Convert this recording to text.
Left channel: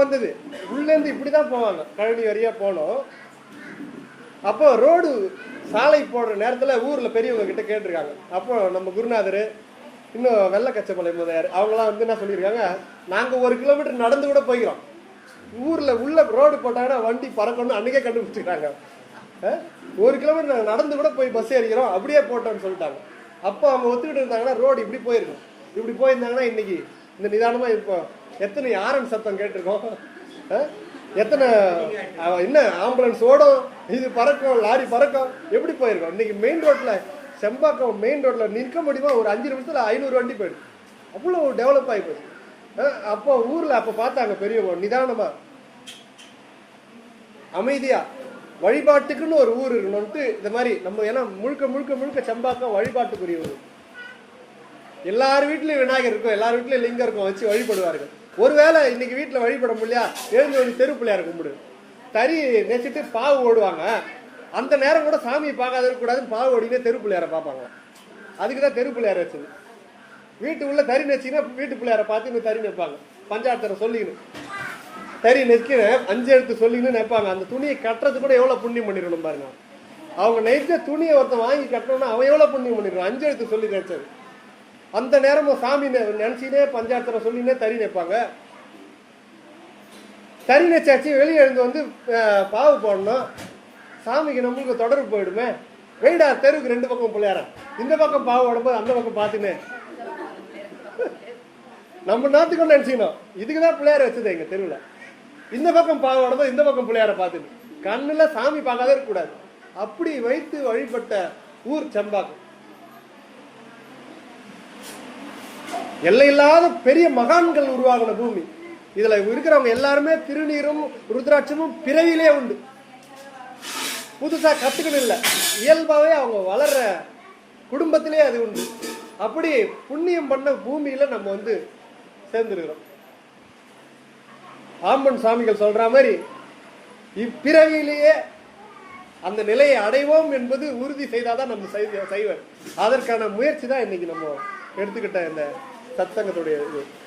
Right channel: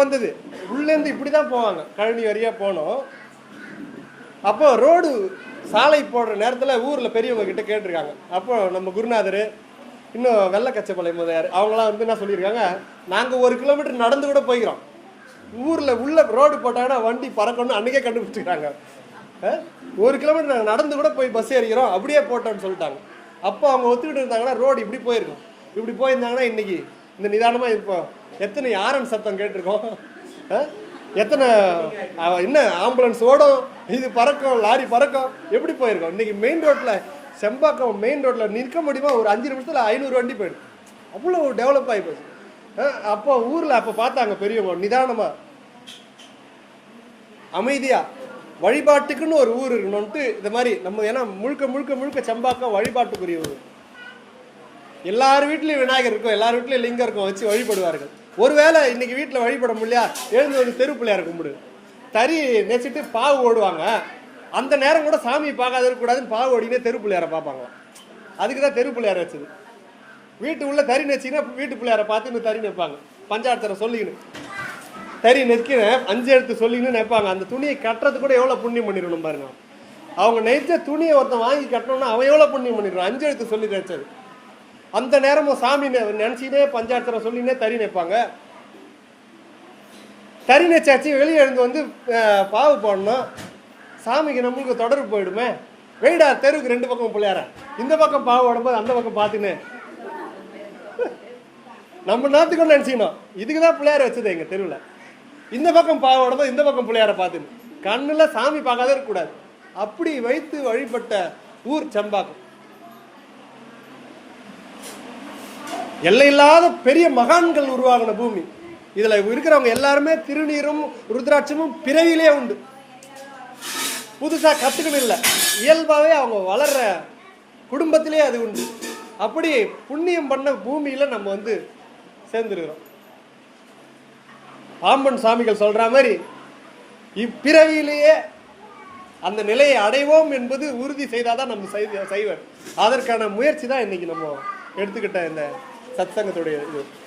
வந்தது. உள்ளேருந்து இப்படி தான் போவாங்க. கழனி வழியா போனோம். அப்போ ரோடு சாலை போடுற நேரத்தில் ஊரில் பெரியவங்க கிட்ட கேட்டிருக்காங்க. அப்போ நம்ம குருநாதர் இன்னும் வெள்ள கச்சமலை முதலியார் அவங்களாம் வந்து என்ன சொல்லியிருக்காங்க நாங்கள் ஒரு கிலோமீட்டர் நடந்து கூட போய்க்கிறோம். ஊரில் உள்ள ரோடு போட்டாங்கன்னா வண்டி பறக்கணும்னு அன்றைக்கே கண்டுபிடிச்சிருக்காங்க ஒரு கிலோமீட்டர் நாங்கள் நடந்து கூட போய் பஸ் ஏறிக்கிறோம். அப்படியே போட்டோம்னு சொல்லிட்டாங்க. அப்போ அவங்க ஒத்துக்கிட்டு இருந்தாங்கன்னா ரோடு இப்படி போயிருக்கும். இப்படி போயிருந்தாங்கன்னா இன்னைக்கு இந்த நிதானமாக இப்போ எத்தனை ஆரன் சத்தம் கேட்டிருக்கோம்? எத்தனை என்ன ஆம்புலன்ஸ் ஓடும் இது பறக்கும் லாரி பறக்கும் எப்படி போயிருக்கோம்? இன்னைக்கு மெயின் ரோட்டில் செம்பாக்கம் மெயின் ரோட்டில் நிற்க முடியுமா? ஒரு அஞ்சு நிமிஷத்தில் ஐநூறு வண்டி போயிடும் அவ்வளோ டெவலப் ஆகி போச்சு. அப்போ ஊரில் அப்போ பார்த்தாங்க பெரியவங்க நிதானமா. அமைதியா. வழிபாட்டுக்குன்னு ஒரு ஊர் இருக்கணும்ட்டு இந்த மாதிரி நம்ம ஏன்னா முழுக்க முழுக்க முழுக்க செம்பாக்கம் வழிபாட்டுக்குரிய ஊர் எல்லார் வீட்லேயும் விநாயகர் இருக்கும் எல்லார் வீட்லேயும் லிங்கம் இருக்கும் வச்சு வழிபடுவார்கள். ஒருவேளை இன்னைக்கு வீட்டில் வழிபட முடியா எழுந்து ஒரு தெரு பிள்ளையார் கும்பிடு. தறி நெச்சிட்டு பாவு ஓடுவாங்க. அந்த நேரம் கூட சாமி பார்க்காத இருக்கக்கூடாதுன்னு பாவு ஓடினே தெரு பிள்ளையார பார்ப்பாங்க. அதுக்கு தான் தெரு பிள்ளையார் வச்சது. வீட்டு உள்ள தறி நெச்சிங்கன்னா வீட்டு பிள்ளையார பார்த்து தறி நிற்பாங்க பஞ்சாயத்தரை சொல்லிக்கணும் தறி நெச்சிக்கின்னு அஞ்சு எழுத்து சொல்லிக்கணும் நிற்பாங்க அந்த துணியை கட்டுறது கூட எவ்வளோ புண்ணியம் பண்ணிடணும் பாருங்க. அவங்க நெய்ச்ச துணியை ஒருத்தன் வாங்கி கட்டணும்னா அவன் எவ்வளோ புண்ணியம் பண்ணிடுறான் அஞ்சு எழுத்து சொல்லி கிடைச்சது அந்த நேரமும் சாமி நினைச்சினே பஞ்சாயத்தில் சொல்லினே தறி நிற்பாங்க தறி நினைச்சாச்சு வெளியே எழுந்து வந்து பாவு போடணும். சாமிக்கு நம்மளுக்கு தொடர்பு போயிடுமே. வெயிடா தெருவுக்கு ரெண்டு பக்கம் பிள்ளையார. இந்த பக்கம் பாவு ஓடும்போது அந்த பக்கம் பார்த்துங்க நம்ம நாத்துக்கு நினச்சிக்கணும். இதுக்கு தான் பிள்ளையார வச்சது எங்கள் தெருவில். இந்த பக்கம் பாவு ஓடும்போது இந்த பக்கம் பிள்ளையார பார்த்துங்க கண்ணில் சாமி பார்க்காத இருக்கக்கூடாது. அப்படி வைத்து வழிபட்ட ஊர் செம்பாக்கம் எல்லையில்லாத பெரிய மகான்கள் உருவாகின பூமி. இதுல இருக்கிறவங்க எல்லாருமே திருநீரும் ருத்ராட்சமும் பிறவிலே உண்டு. புதுசா கத்துக்கணும் இல்லை. இயல்பாவே அவங்க வளர்ற குடும்பத்திலே அது உண்டு. அப்படி புண்ணியம் பண்ண பூமியில நம்ம வந்து சேர்ந்துருக்கிறோம். பாம்பன் சாமிகள் சொல்ற மாதிரி இப்பிறவியிலேயே அந்த நிலையை அடைவோம் என்பது உறுதி செய்தாதான் நம்ம செய்வ- செய்வர் அதற்கான முயற்சி தான் இன்னைக்கு நம்ம எடுத்துக்கிட்ட இந்த சத்சங்கத்துடைய இது.